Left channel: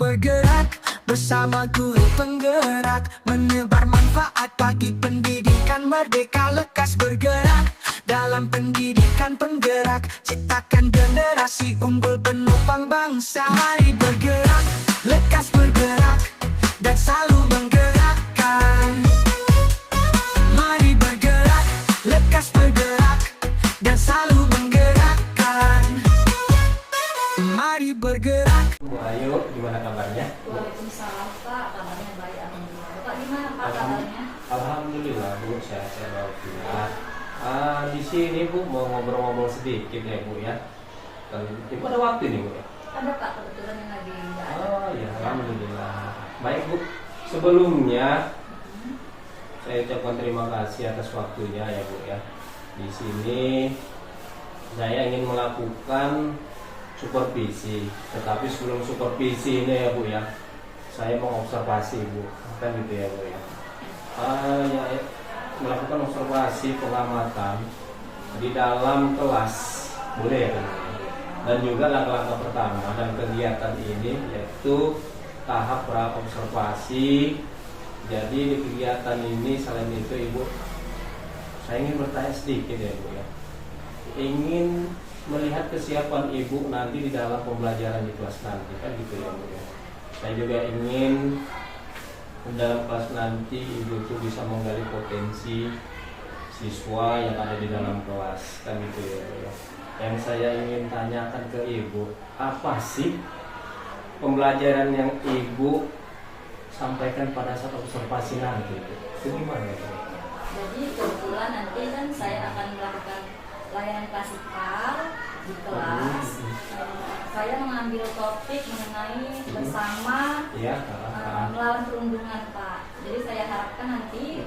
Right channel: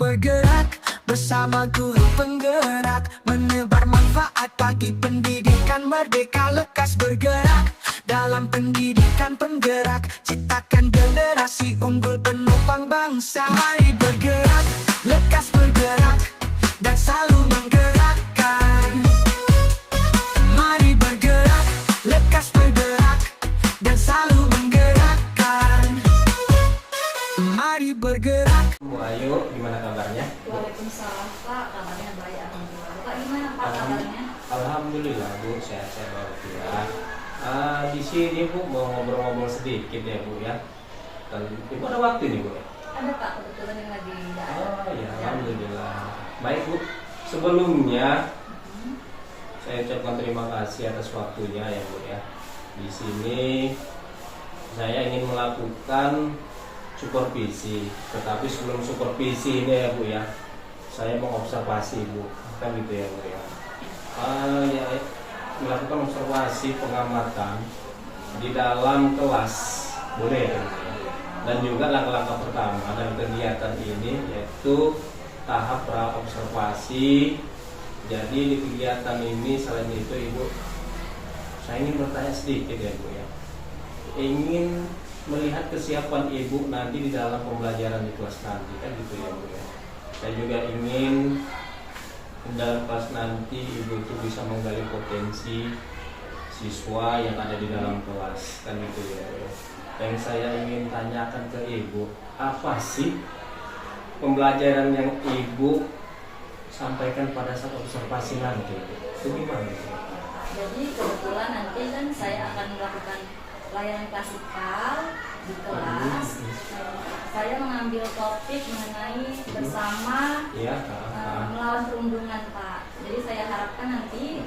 bergerak bersama guru penggerak, menebar manfaat bagi pendidikan merdeka. Lekas bergerak dalam pendidikan penggerak, ciptakan generasi unggul penopang bangsa. Mari bergerak, lekas bergerak, dan selalu menggerakkan. Mari bergerak, lekas bergerak, dan selalu menggerakkan. Mari bergerak. Bu Ayu, gimana kabarnya? Waalaikumsalam Pak, kabarnya baik alhamdulillah. Bapak gimana Pak kabarnya? Alhamdulillah Bu, sehat-sehat walafiat. Di sini Bu mau ngobrol-ngobrol sedikit ya Bu ya. Dan Ibu ada waktu nih Bu ya? Ada Pak, kebetulan yang lagi nggak ada. Oh ya, alhamdulillah. Baik Bu, sebelumnya saya ucapkan terima kasih atas waktunya ya Bu ya. Di sini saya ingin melakukan supervisi, tetapi sebelum supervisi ini ya Bu ya, saya mengobservasi Bu, kan gitu ya Bu ya. Ya, melakukan observasi pengamatan di dalam kelas, boleh ya Bu? Dan juga langkah-langkah pertama dan kegiatan ini yaitu tahap pra observasi. Jadi di kegiatan ini selain itu Ibu, saya ingin bertanya sedikit ya Bu ya, ingin melihat kesiapan Ibu nanti di dalam pembelajaran di kelas nanti, kan gitu ya Bu ya. Saya juga ingin dalam kelas nanti Ibu itu bisa menggali potensi siswa yang ada di dalam kelas, kan gitu ya Bu ya. Yang saya ingin tanyakan ke Ibu, apa sih pembelajaran yang Ibu sampaikan pada saat observasi nanti? Itu gimana Bu? Jadi kebetulan nanti kan saya akan melakukan layanan klasikal di kelas. Saya mengambil topik mengenai bersama melawan perundungan Pak. Jadi saya harapkan nanti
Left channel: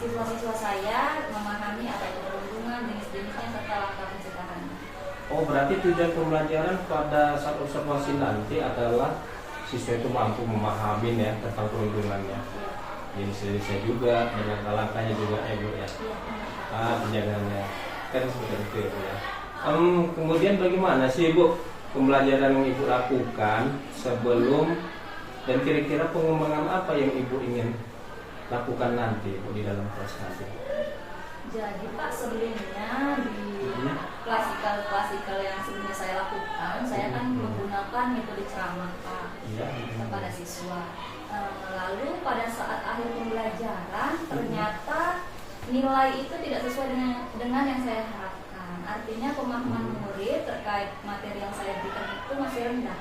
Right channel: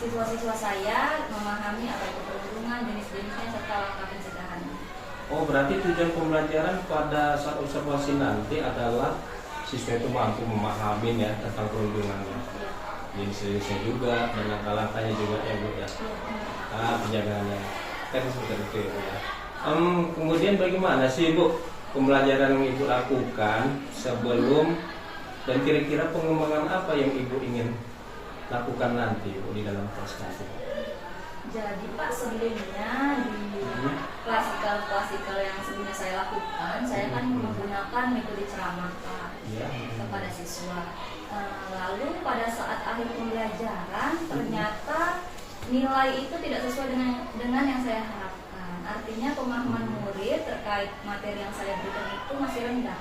siswa-siswa saya memahami apa itu perundungan, jenis-jenisnya serta langkah pencegahannya. Oh, berarti tujuan pembelajaran pada saat observasi nanti adalah siswa itu mampu memahami ya tentang perundungannya. Jenis-jenisnya juga dan langkah-langkahnya juga ya Bu ya. Penjagaannya. Kan seperti itu ya. Kemudian bagaimana sih Bu pembelajaran yang Ibu lakukan sebelum, dan kira-kira pengembangan apa yang Ibu ingin lakukan nanti Bu di dalam kelas nanti? Jadi Pak, sebelumnya di klasikal yang sebelumnya saya lakukan, saya kan menggunakan metode ceramah Pak kepada siswa. Lalu pada saat akhir pembelajaran ternyata nilai itu tidak sesuai dengan yang saya harapkan. Artinya pemahaman murid terkait materi yang saya berikan itu masih rendah.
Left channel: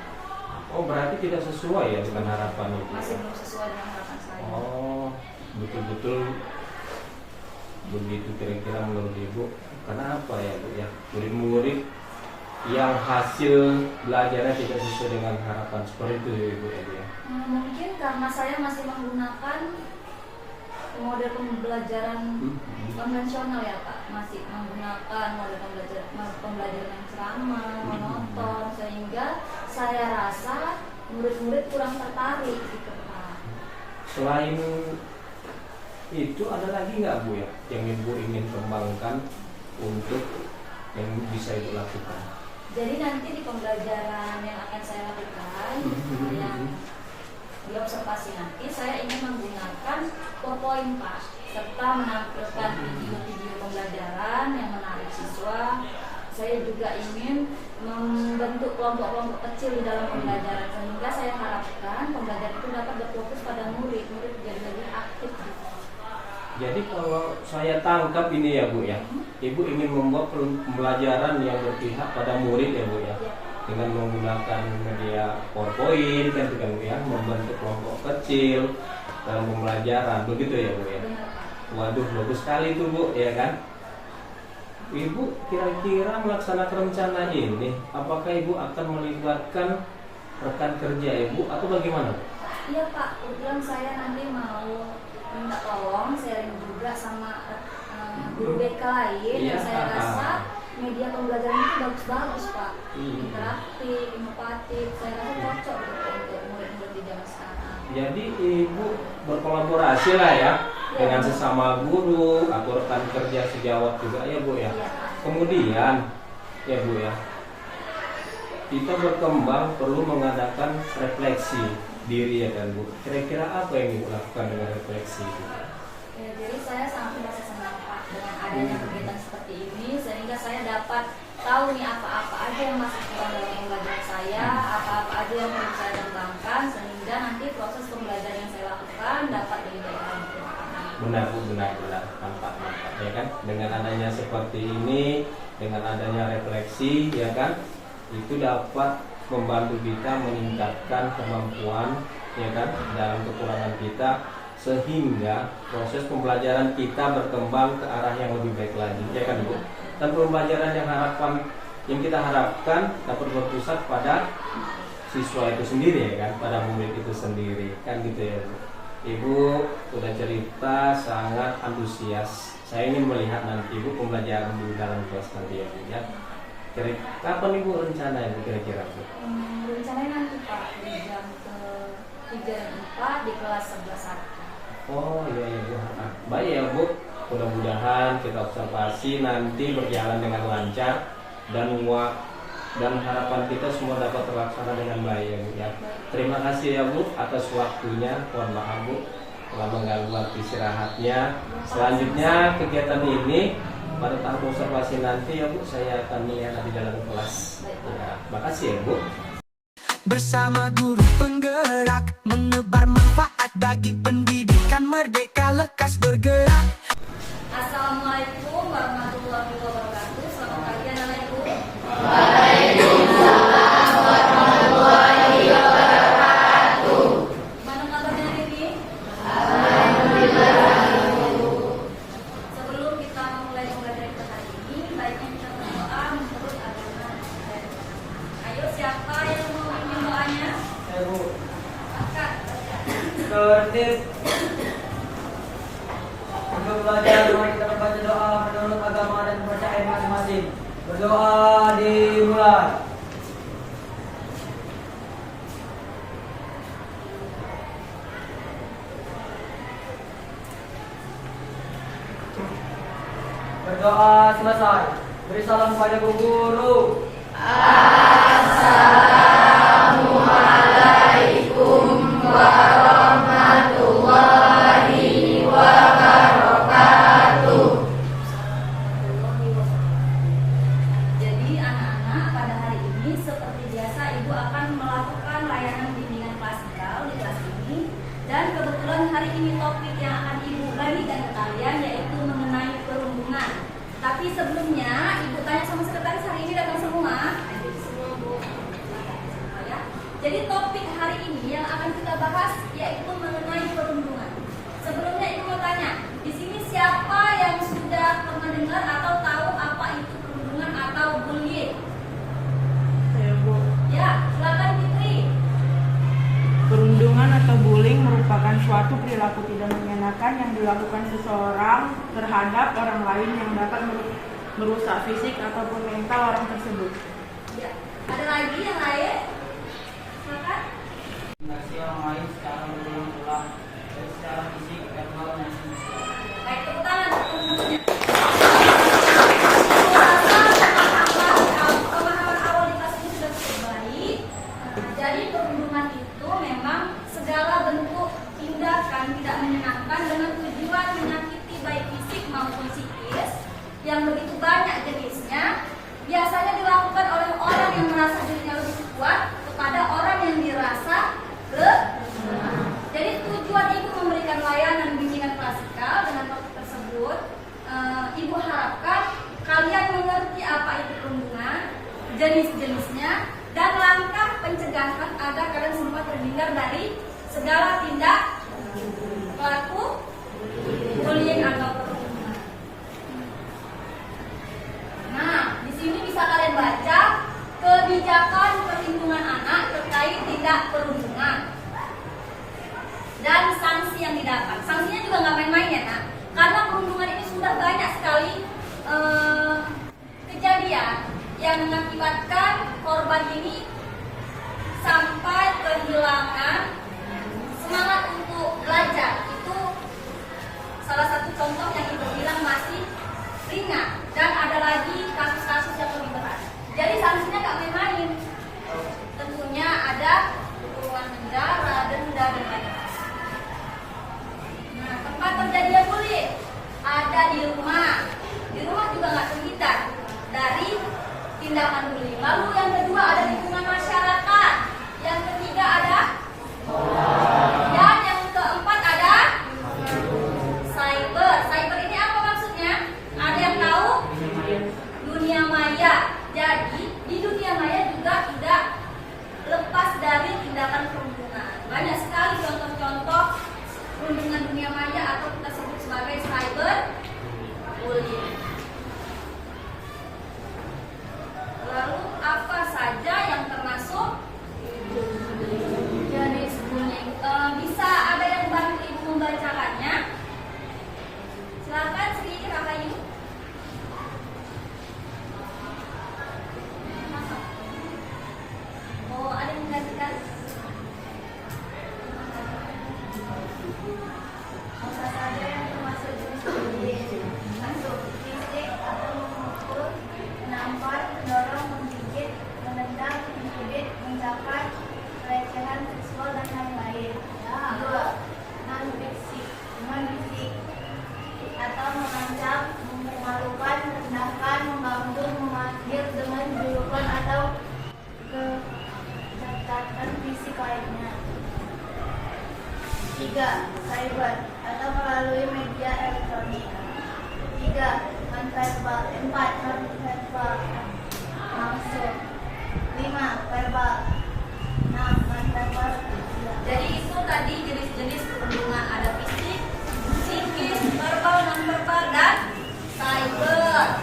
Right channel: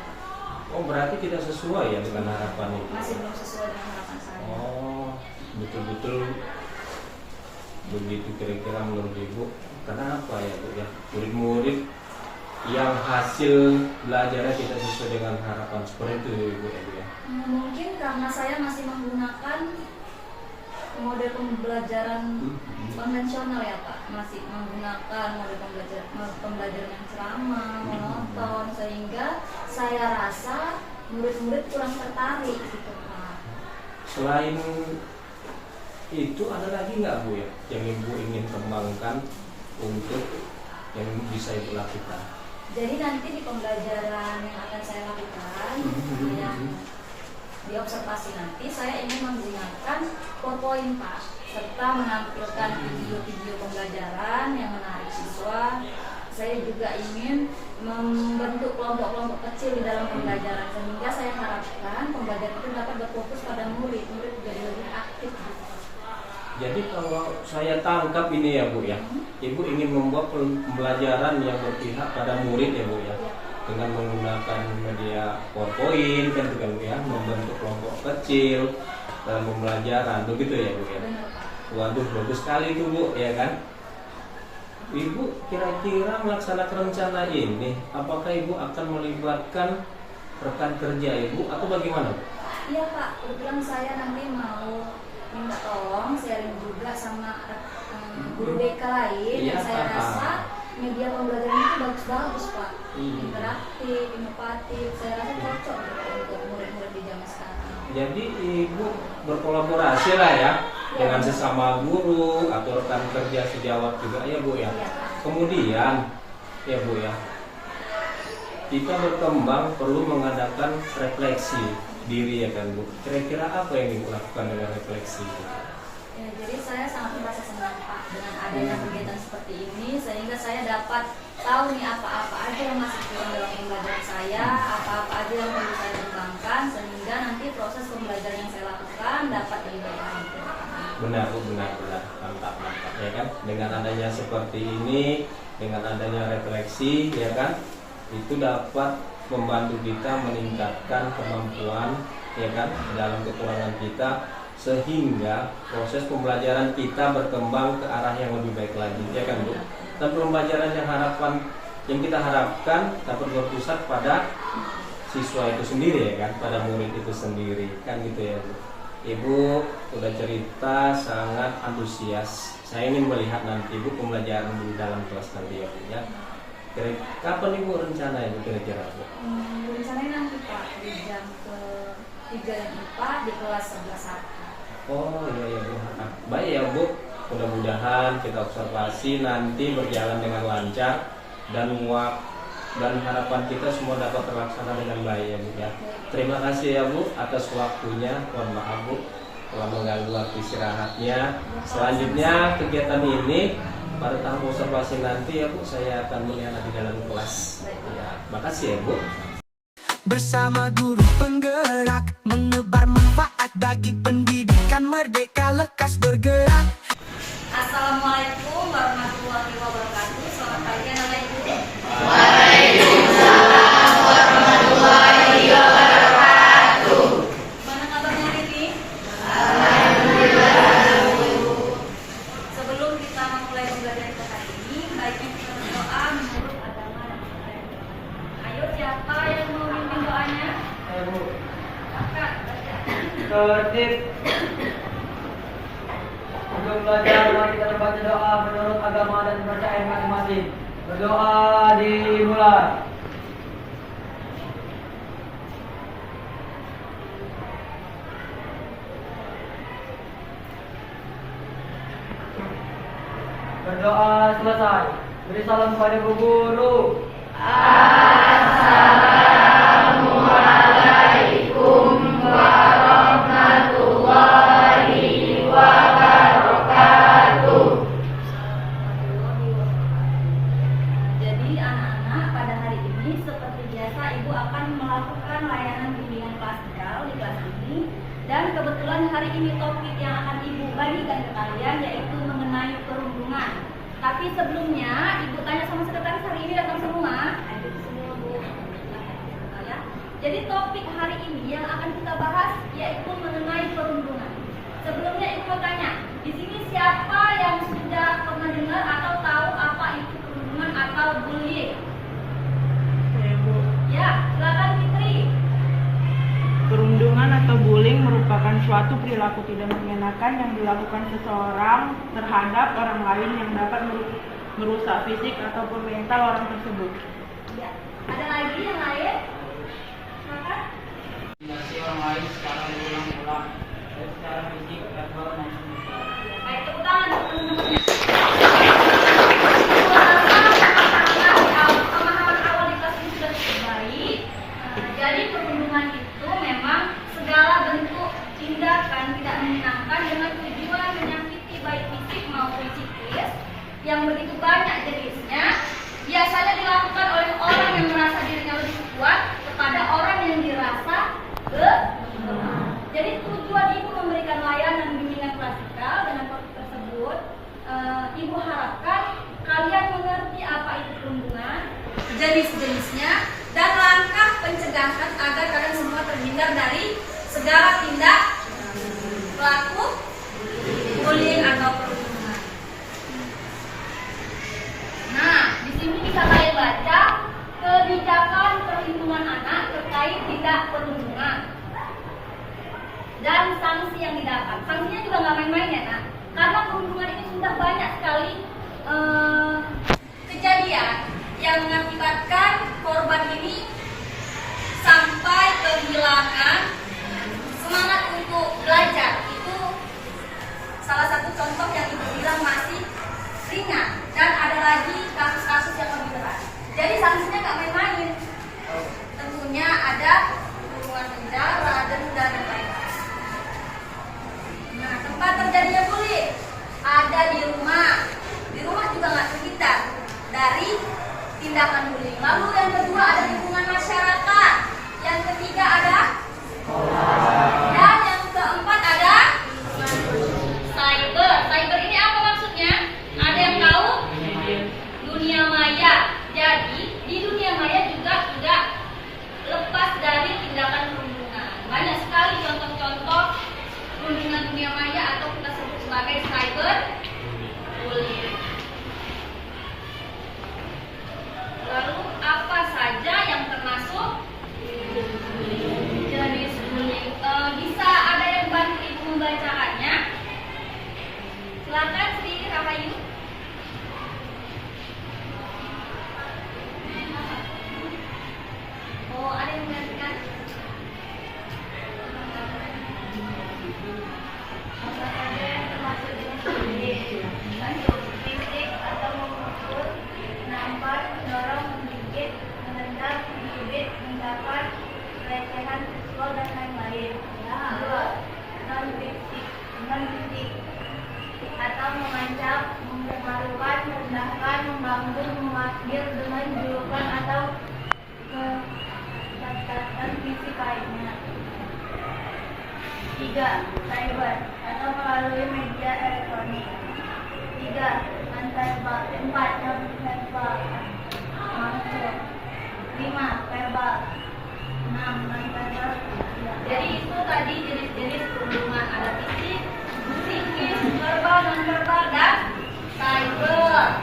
Oh, berarti tidak sesuai ya dengan harapan itu? Masih belum sesuai dengan harapan saya. Oh, betul-betul begitu kira-kira menurut Ibu. Kenapa ya Bu ya? Murid-murid yang hasil belajarnya tidak sesuai dengan harapan, seperti itu Ibu ya? Mungkin karena saya masih menggunakan model pembelajaran konvensional ya Pak, masih menggunakan model pembelajaran yang ceramah, monoton, sehingga saya rasa murid-murid kurang tertarik gitu Pak. Selain itu ada lagi nggak Bu ya yang Ibu ingin kembangkan untuk yang bisa Ibu lakukan? Jadi nanti di pembelajaran yang akan saya lakukan, yang di observasi nanti, saya ingin menggunakan PowerPoint Pak, serta menampilkan video-video pembelajaran yang menarik siswa. Saya juga ingin membentuk kelompok-kelompok kecil di dalam pembelajaran, sehingga saya harapkan pembelajaran itu dapat berfokus pada murid jadi lebih aktif. Jadi kalau saya tangkap ini ya Bu ya, Ibu ingin membuat pembelajaran yang berpihak pada murid ya Bu ya, dengan menggunakan media PowerPoint kan juga Bu ya, membentuk kelompok kecil dalam pembelajaran, begitu ya Bu ya. Waduh, bagus sekali itu Bu ya kan. Ibu kira-kira melaksanakan rencana ini, apakah Ibu akan melibatkan rekan kerja Ibu atau bagaimana Bu? Iya Pak, kebetulan saya nanti mau minta tolong sharing juga sama guru BK lain yang saya rasa media pembelajaran itu bagus-bagus Pak, interaktif, inovatif, saya rasa cocok gitu untuk murid-murid di zaman sekarang. Jadi Ibu berkolaborasi lah ya dengan sesama guru atau rekan kerja sejawat juga ya Bu ya. Kemudian ya Bu ya, kita berkembang perlu mengadakan refleksi diri, ya kan Bu. Kira-kira apa yang Ibu lakukan dengan refleksi? Ya, jadi saya sangat merasa senang Pak dengan adanya kegiatan seperti ini, sehingga saya dapat tahu nih apa-apa aja yang masih kurang dalam pembelajaran saya, apa-apa aja yang perlu saya kembangkan, sehingga nanti proses pembelajaran yang saya lakukan dapat lebih baik lagi. Benar Bu, benar, mantap ya kan. Dengan adanya seperti ini, dengan adanya refleksi, ya kan, itu dapat membantu kita meningkatkan kemampuan, ya kan, dalam kekurangan kita, sehingga proses pembelajaran kita berkembang ke arah yang lebih baik lagi, ya kan Bu. Dan pembelajaran yang kita harapkan dapat berpusat pada siswa itu sendiri, ya kan, pada murid itu sendiri, kan gitu ya Bu. Ibu sudah cerita sangat antusias. Saya ingin melihat nanti Ibu pembelajaran di dalam kelas nanti, ya Bu, ya. Kapan Ibu rencananya kira-kira Bu? Rencananya nanti Pak di jam ke-3 dan 4 di kelas 11 Oh iya Bu. Baik ya Bu. Mudah-mudahan kita observasi nanti berjalan dengan lancar dan harapan kita semua dapat terlaksana dengan baik, ya Bu, ya. Terima kasih ya Bu atas waktunya. Mohon maaf Bu telah mengganggu waktu istirahatnya. Selanjutnya kegiatan ini pada tahap observasi nanti, ya Bu, saya akan melihat di dalam kelas. Ya, makasih ya Bu. Bersama guru penggerak, menebar manfaat bagi pendidikan merdeka lekas bergerak. Assalamualaikum warahmatullahi wabarakatuh. Selamat pagi anak ibu. Mana kabarnya Riri? Sebelum kita memulai pembelajaran kita hari ini, baiknya kita berdoa menurut agama dan budaya. Ayo, siapa yang mau memimpin doanya? Kakak. Tertib. Untuk belajar, mari kita membaca doa menurut agama dan kepercayaan masing-masing. Berdoa dimulai. Berdoa selesai. Beri salam kepada Bu Guru. Jadi anak-anak, pada hari ini seperti biasa Ibu akan melakukan layanan bimbingan klasikal di kelas ini. Dan kebetulan hari ini topik yang akan Ibu bagikan ke kalian yaitu mengenai perundungan. Tapi sebelumnya Ibu tanya sama sekretaris, hari ini datang semua? Semua Bu. Ya. Jadi topik hari ini yang akan kita bahas yaitu mengenai perundungan. Sebelumnya Ibu mau tanya, di sini siapa yang sudah pernah dengar atau tahu apa itu perundungan atau bullying? Ya, Bu. Ya, silakan Fitri. Perundungan atau bullying merupakan suatu perilaku tidak mengenakan yang dilakukan seseorang terhadap orang lain yang dapat merusak fisik ataupun mental orang tersebut. Ya. Ada lagi yang lain? Silakan. Masih orang lain secara berulang-ulang, baik secara fisik, verbal, dan sosial. Baik, tepuk tangan. Pemahaman awal di kelas ini sudah cukup baik. Jadi perundungan itu memang segala bentuk tindakan tidak menyenangkan dengan tujuan menyakiti baik fisik maupun psikis yang begitu banyak jenisnya, biasanya dilakukan oleh orang yang merasa dirinya lebih kuat kepada orang yang dirasa lemah. Jadi tujuan Ibu memberikan layanan bimbingan klasikal dengan topik tersebut, Ibu harapkan kalian mengerti apa itu perundungan, jenis-jenisnya, dan langkah pencegahan agar kalian semua terhindar dari segala tindak pelaku bullying atau perundungan. Nah, di sini bisa kalian baca kebijakan perlindungan anak terkait tindak perundungan dan sanksi yang didapat. Sanksinya juga nggak main-main ya, Nak. Karena perundungan ini sudah banyak sekali kejadian yang mengakibatkan korban ini sampai kehilangan semangat untuk belajar. Itu salah satu contoh yang Ibu bilang masih ringan, dan ada lagi kasus-kasus yang lebih berat. Jadi sanksinya nggak main-main. tindakan bullying. Lalu yang kedua ada lingkungan masyarakat. Yang ketiga ada dan yang keempat ada cyber. Cyber ini apa maksudnya? Ada yang tahu? Dunia maya. Jadi di dunia maya juga tidak lepas dari tindakan perundungan. Banyak sekali contoh-contoh perundungan dunia maya atau kita sebut sebagai cyber bullying. Lalu apa saja yang termasuk jenis bullying? Bisa ada yang bantu ibu membacakannya? Silakan Sri Rahayu. Oh, ada yang menggantikan? Apa saja yang termasuk jenis bullying? Masuk fisik atau memukul, menampar, mendorong, menggigit, menendang, mencubit, mencakar, pelecehan seksual dan lain-lain. Dua, non fisik atau mengancam, mempermalukan, merendahkan, membangkang, memanggil dengan julukan atau catatan fisik lainnya. Tiga, cyber atau melalui media elektronik. Tiga, non-verbal. Empat, non-verbal masuk. Lima, verbal. Enam, non-verbal. Jadi itu tadi jenis-jenis perundungan, ada fisik, psikis, verbal, non-verbal, dan cyber.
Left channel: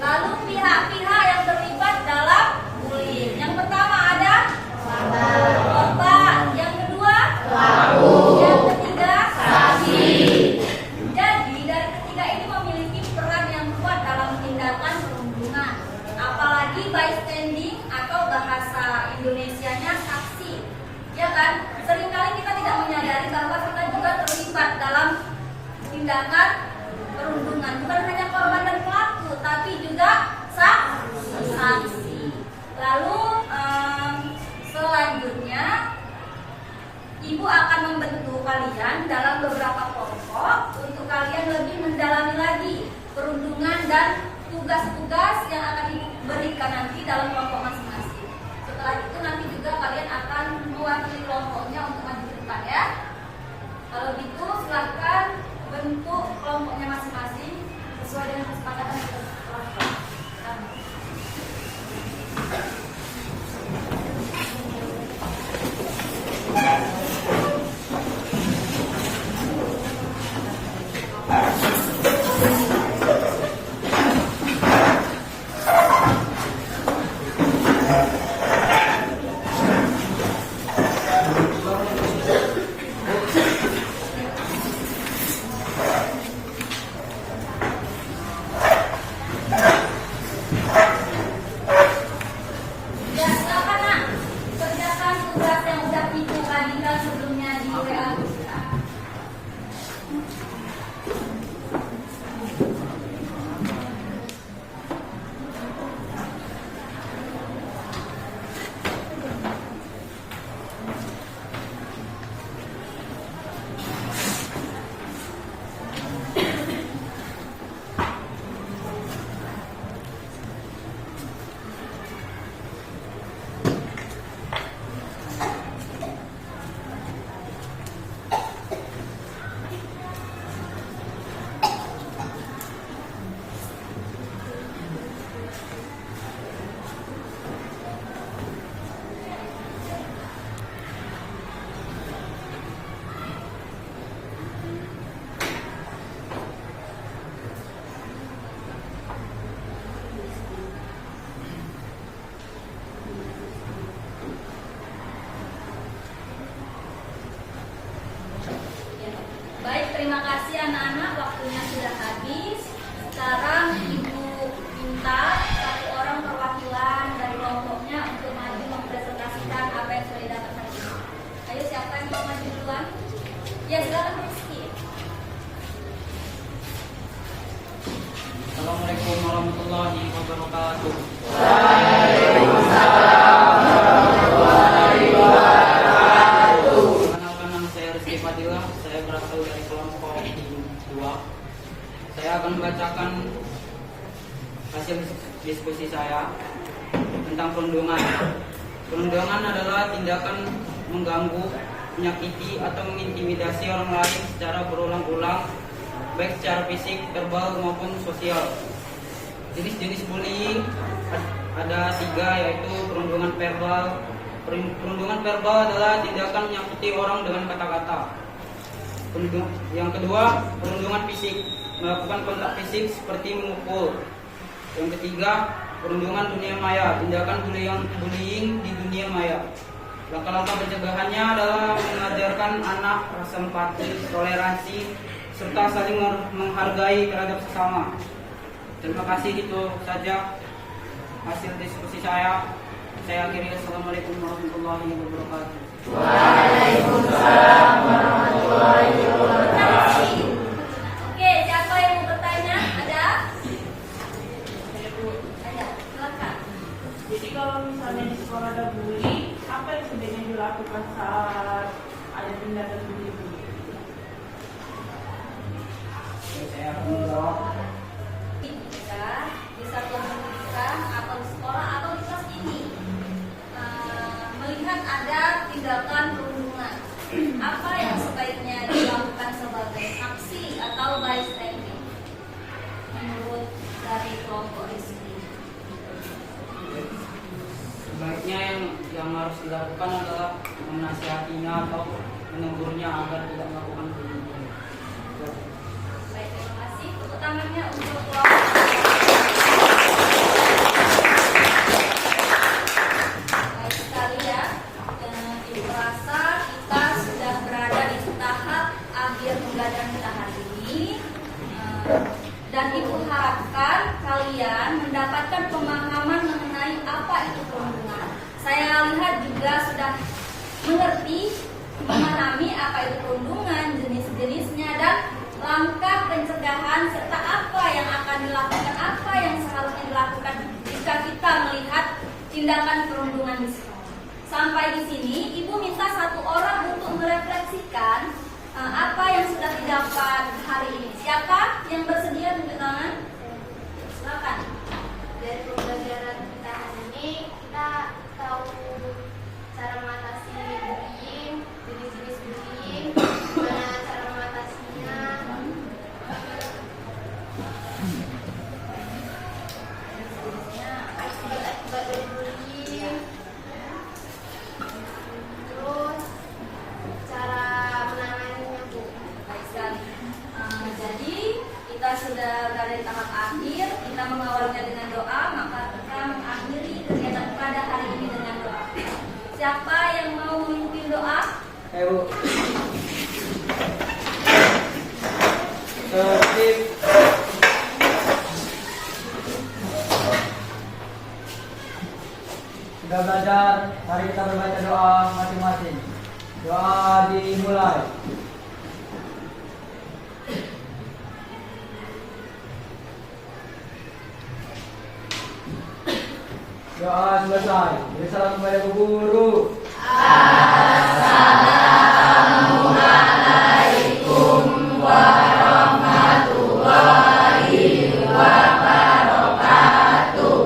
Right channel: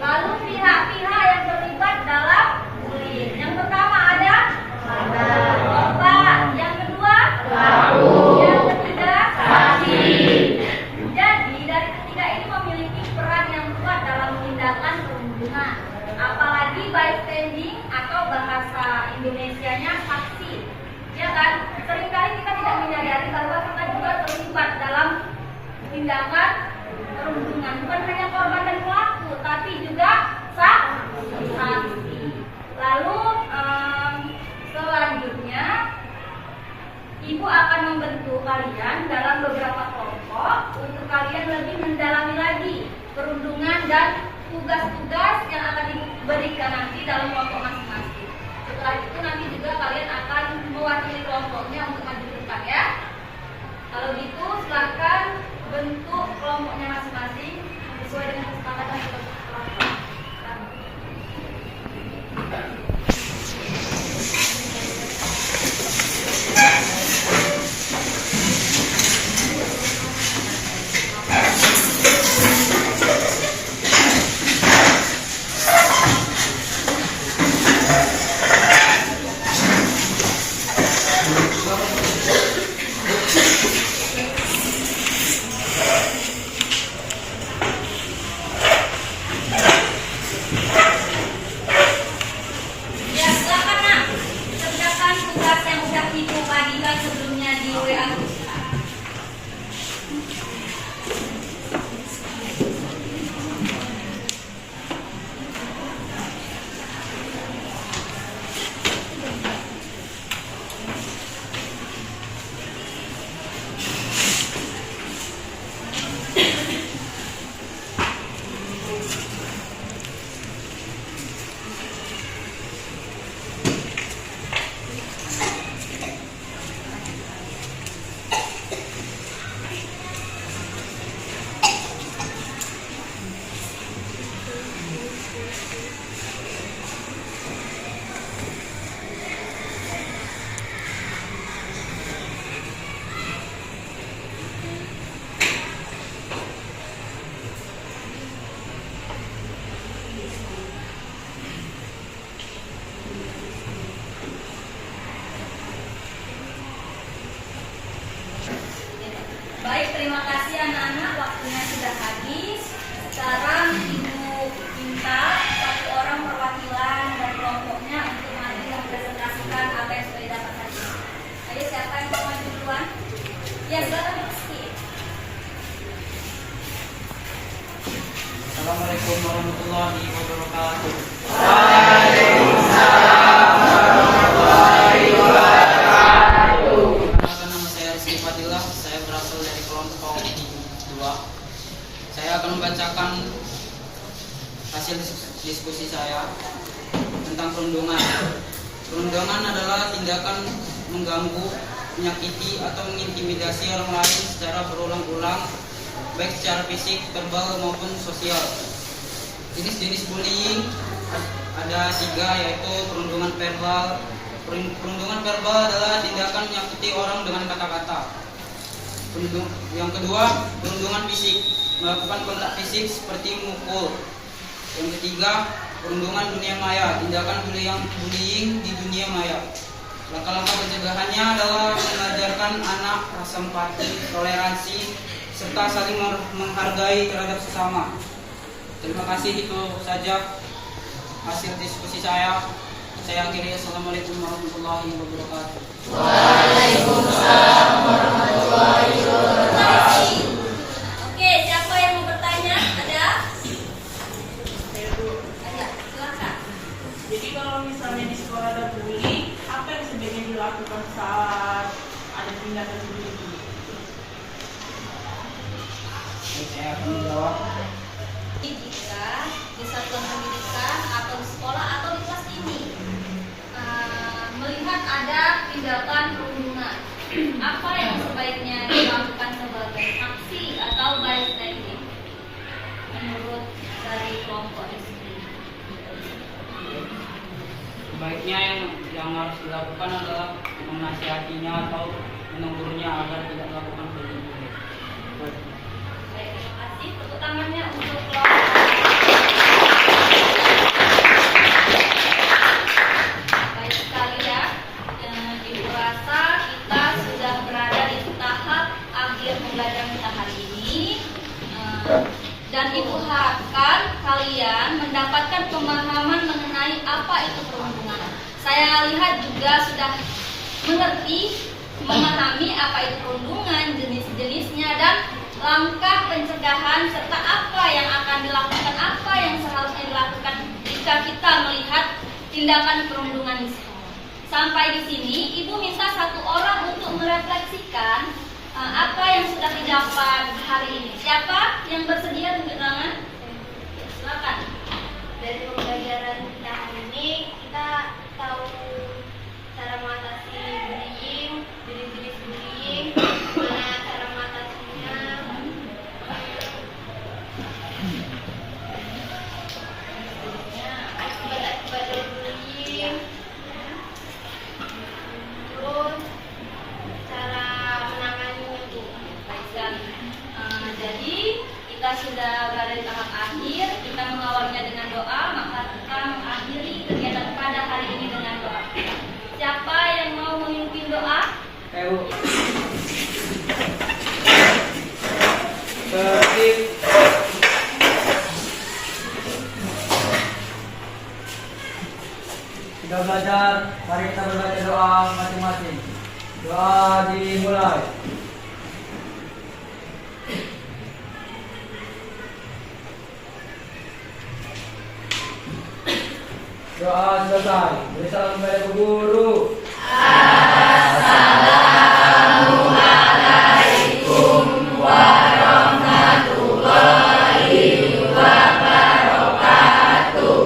Lalu pihak-pihak yang terlibat dalam bullying. Yang pertama ada korban, yang kedua pelaku, yang ketiga saksi. Jadi dari ketiga ini memiliki peran yang kuat dalam tindakan perundungan. Apalagi bystanding atau bahasa Indonesianya saksi. Ya kan? Seringkali kita tidak menyadari bahwa kita juga terlibat dalam tindakan perundungan. Bukan hanya korban dan pelaku, tapi juga saksi. Lalu selanjutnya ibu akan membentuk kalian dalam beberapa kelompok untuk kalian lebih mendalami lagi perundungan dan tugas-tugas yang akan diberikan nanti dalam kelompok masing-masing. Setelah itu nanti juga kalian akan mewakili kelompoknya untuk maju ke depan ya. Kalau gitu silahkan bentuk kelompoknya masing-masing sesuai dengan kesepakatan yang telah dilakukan. Baik, terima kasih anak-anak, waktunya sudah habis. Sekarang Ibu minta satu orang perwakilan dari kelompoknya untuk maju mempresentasikan apa yang sudah didapat hari ini. Ayo, siapa yang mau maju duluan? Ya, silakan Rizky. Assalamualaikum warahmatullahi wabarakatuh. Nama saya Rizky Fadilah, saya berasal dari kelompok 2. Saya akan membacakan hasil diskusi saya tentang perundungan. Perundungan adalah tindakan mengganggu, menyakiti, atau mengintimidasi orang lain secara berulang-ulang, baik secara fisik, verbal, maupun sosial. Jenis-jenis bullying ada 3, yaitu perundungan verbal. Perundungan verbal adalah tindakan menyakiti orang dengan kata-kata. Yang kedua, perundungan fisik, melakukan kontak fisik seperti memukul. Yang ketiga, perundungan dunia maya, tindakan bullying di dunia maya. Langkah-langkah pencegahannya adalah mengajarkan anak rasa empati, toleransi, serta saling menghargai terhadap sesama. Terima kasih, itu saja hasil diskusi saya. Saya akhiri. Assalamualaikum warahmatullahi wabarakatuh. Waalaikumsalam warahmatullahi wabarakatuh. Oke, siapa yang mau bertanya? Ada? Ada, silakan. Jadi kalau misalnya di sekolah ada bully, apa yang sebaiknya dilakukan saat ada tindakan bully itu? Saya akan menjawab. Jika di satuan pendidikan atau di sekolah atau di kelas ini melihat ada tindakan perundungan, apa yang sebaiknya dilakukan sebagai aksi atau bystanding menurut dari kelompok di sini? Sebaiknya yang harus dilakukan adalah menasihatinya atau menegurnya agar tidak melakukan bullying. Baik, terima kasih. Tepuk tangannya untuk kelompok. Baik sekali ya. Ibu rasa kita sudah berada di tahap akhir pembelajaran kita hari ini. Dan Ibu harapkan kalian mendapatkan pemahaman mengenai apa itu perundungan. Saya lihat juga sudah mengerti, memahami apa itu perundungan, jenis-jenisnya, dan langkah pencegahan serta apa yang akan dilakukan, apa yang seharusnya dilakukan jika kita melihat tindakan perundungan di sekolah. Sampai di sini, Ibu minta satu orang untuk merefleksikan apa yang sudah didapat hari ini. Siapa yang bersedia tunjuk tangan? Ya, silakan. Dari pembelajaran kita hari ini, kita tahu cara mengatasi bullying, jenis-jenis bullying, mana cara mengatasinya. Akibat dari bullying, terus cara menanganinya, Bu. Baik sekali. Jadi kita sudah berada di tahap akhir. Kita mengawalinya dengan doa, maka kita mengakhiri kegiatan pada hari ini dengan doa. Siapa yang mau memimpin doa? Ayo. Tertib. Sudah belajar, mari kita membaca doa masing-masing. Doa dimulai. Doa selesai. Beri salam kepada guru. Waalaikumsalam warahmatullahi wabarakatuh.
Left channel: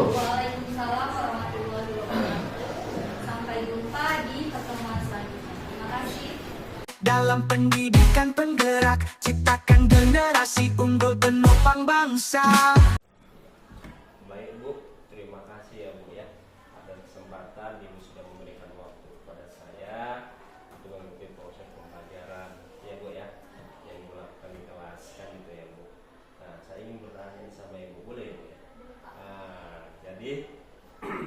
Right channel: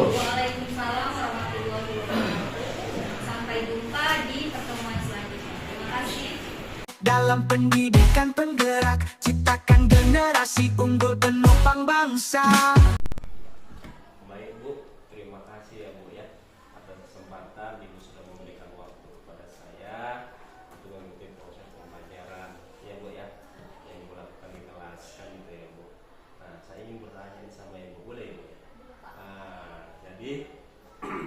Sampai jumpa di pertemuan selanjutnya. Terima kasih. Dalam pendidikan penggerak, ciptakan generasi unggul penopang bangsa. Baik Bu, terima kasih ya Bu ya atas kesempatan Ibu sudah memberikan waktu kepada saya untuk mengikuti proses pembelajaran ya Bu ya yang Ibu lakukan di kelas kan gitu ya Bu. Nah saya ingin bertanya nih sama Ibu, boleh ya Bu ya? Nah, jadi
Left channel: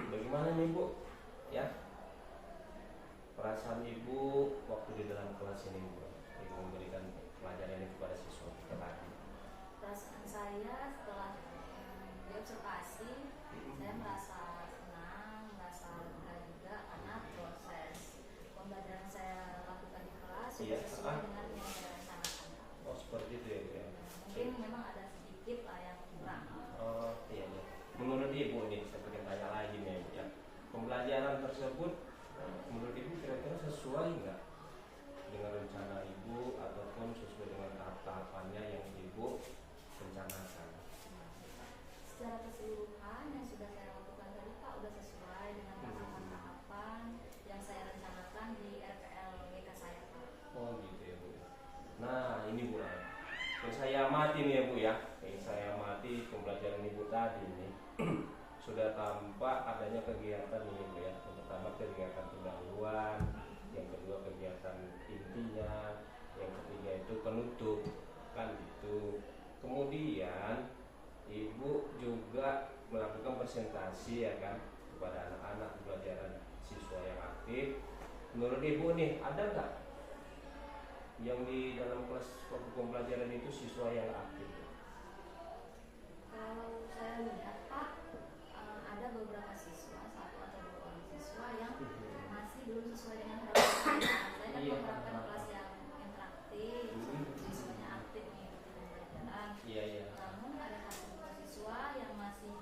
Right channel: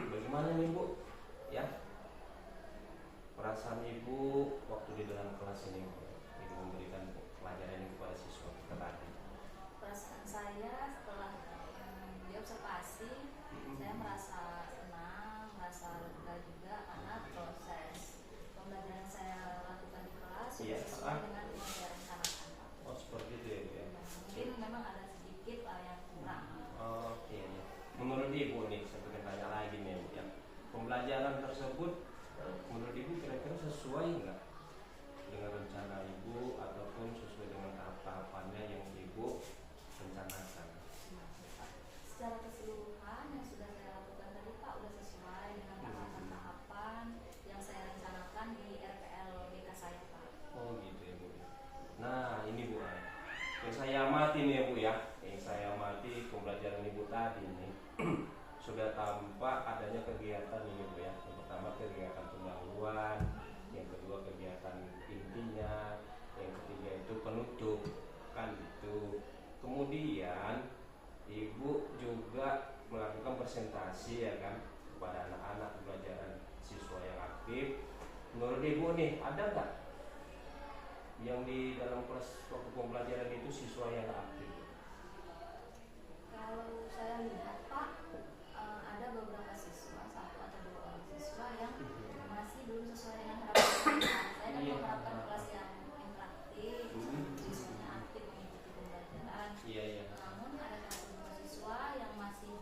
bagaimana nih Bu ya perasaan Ibu waktu di dalam kelas ini Bu? Ibu memberikan pelajaran ini kepada siswa kita tadi. Perasaan saya setelah diobservasi, saya merasa senang, merasa lega juga karena proses pembelajaran saya lakukan di kelas sudah sesuai dengan yang saya rencanakan. Oh seperti itu ya Bu ya? Mungkin memang ada sedikit yang kurang. Oh iya, iya. Menurut Ibu nih, saya pengen tanya lagi nih Bu ya. Pembelajaran tersebut menurut Ibu kira-kira sesuai nggak dengan rencana Ibu ataupun sesuai dengan tahap-tahapannya yang Ibu rencanakan? Secara keseluruhan Yang saya amati nih ya Bu ya, yang saya amati pembelajaran Ibu tadi ini sudah tampak adanya kegiatan ini Bu ya. Yang pertama kegiatan pendahuluan, yang kedua kegiatan intinya, yang ketiga itu penutup kan itu. Kemudian Ibu juga melakukan presentasi ya kan kepada anak-anak pembelajaran siswa yang aktif. Menurut Ibu nih ada nggak yang di dalam kelas waktu pembelajaran itu siswa yang aktif? Kalau saya lihat Pak, ada beberapa siswa, satu atau dua orang siswa yang masih belum sesuai dengan harapan kita. Saya kan Iya. mengharapkan kelas yang interaktif, siswanya aktif mengikuti pembelajaran. Iya iya. Namun ada satu dua siswa yang masih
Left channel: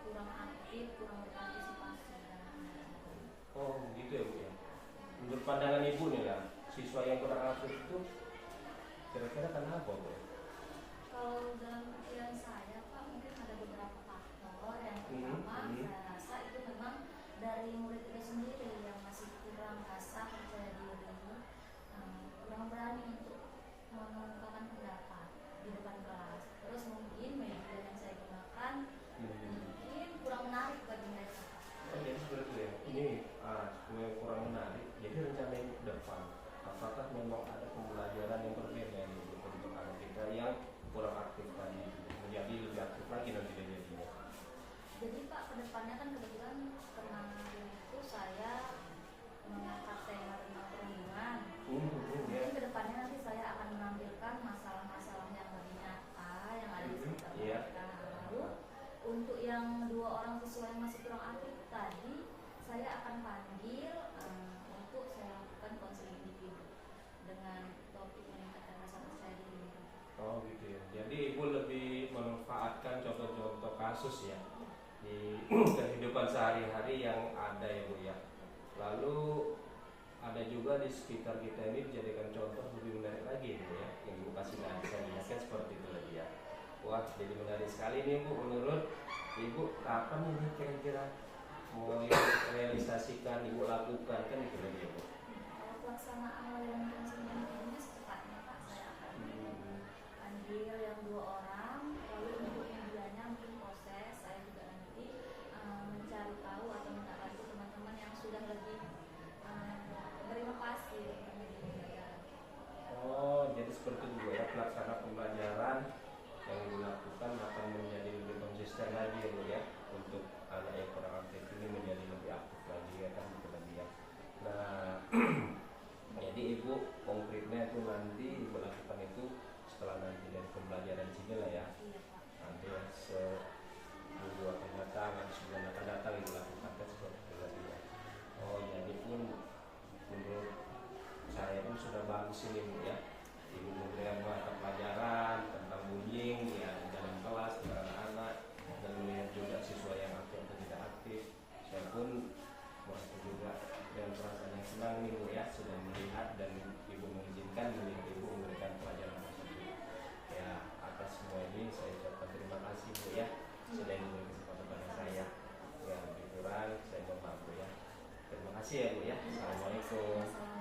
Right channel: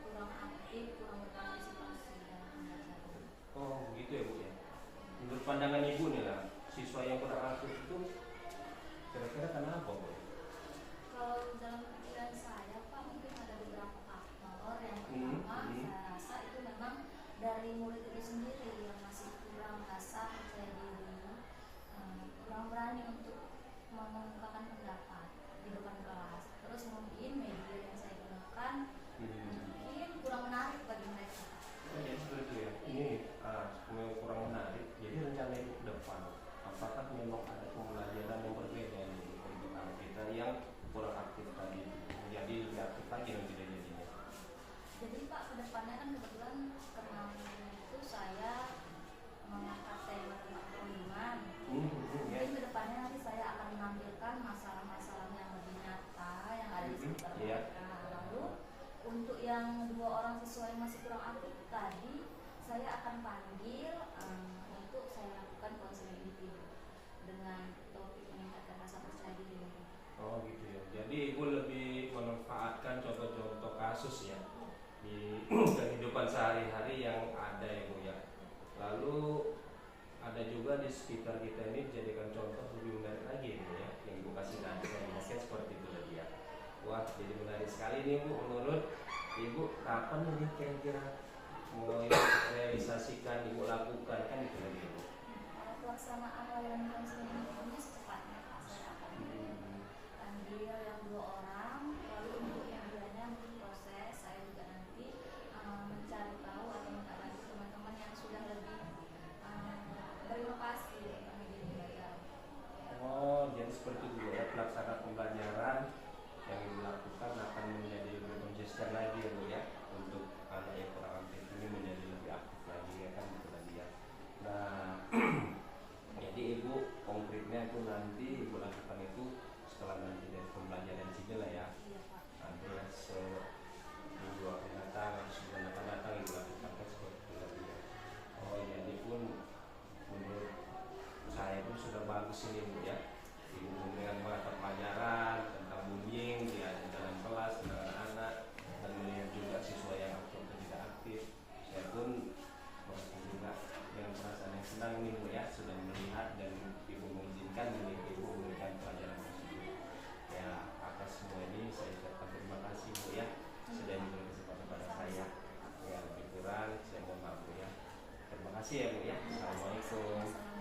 kurang aktif, kurang berpartisipasi dalam pembelajaran. Oh gitu ya Bu ya. Menurut pandangan Ibu nih lah, siswa yang kurang aktif itu kira-kira kenapa Bu? Kalau dalam pikiran saya Pak, mungkin ada beberapa faktor. Yang pertama, saya rasa itu memang dari murid itu sendiri yang masih kurang rasa percaya diri, kurang berani untuk mengungkapkan pendapat di depan kelas. Terus mungkin media yang saya gunakan mungkin kurang menarik bagi mereka. Oh jadi seperti itu ya. Ini kurang menarik. Jadi rencana ke depan, apakah memang ada pembelajaran yang berbeda nih untuk anak kita yang kurang aktif tadi menjadi lebih aktif lagi nanti dia jadinya? Jadi Pak, kedepannya kan kebetulan kemarin itu saya mengangkat tema tentang perlindungan. Mungkin kedepannya nanti saya akan menampilkan masalah-masalah yang lebih nyata yang ada di sekitar mereka. Lalu untuk yang dua orang siswa yang masih kurang aktif tadi, saya akan panggil untuk saya lakukan konseling individu dengan topik meningkatkan rasa percaya diri. Oh gitu ya. Jadi Ibu lebih memanfaatkan contoh-contoh kasus ya di kehidupan sehari-hari yang ada ya Bu ya. Lalu ada juga di sekitar kita ini dijadikan contoh lebih menarik lagi Bu ya, yang Ibu kasih nasihatnya seperti itu tadi ya. Wah jadi menarik sekali nih Bu. Menurut Ibu kapan ini kira-kira mau realisasikan Ibu lakukan kan itu lagi ya Bu? Kalau pelaksanaan layanan konseling individunya secepatnya Pak, saya akan panggil yang dua orang. Lalu untuk medianya mungkin proses saya juga nanti mencari tahu atau minta bantu teman-teman yang sudah lebih berinovasi tentang media pembelajaran. Oh jadi seperti itu ya, pelaksana pembelajaran yang dilakukan akan menjadi lebih konsisten lagi ya Bu ya, untuk anak yang kurang aktif ini menjadi lebih aktif lagi ya kan gitu lagi ya. Nah jadi Ibu konkretnya itu nanti Ibu lakukan itu setelah nanti dari pembelajaran sini lah ya. Iya Pak. Nanti ya seminggu akan datang atau sebulan akan datang Ibu lakukan kan seperti itu lagi ya. Oh jadi pun menurut saya pun sudah bagus ini Bu ya. Ibu memberikan mata pelajaran tentang bullying di dalam kelas dengan anak-anak dan melihat juga siswa yang aktif atau tidak aktif. Saya pun merasa juga dengan perasaan yang senang nih Bu ya, sudah melihat dan Ibu mengizinkan Ibu memberikan pelajaran tersebut. Ya atas semua ini saya ucapkan terima kasih Bu ya, sudah diberi kesempatan pada saya. Ya lebih kurang saya mohon maaf Bu ya. Terima kasih ya Bu ya. Assalamualaikum.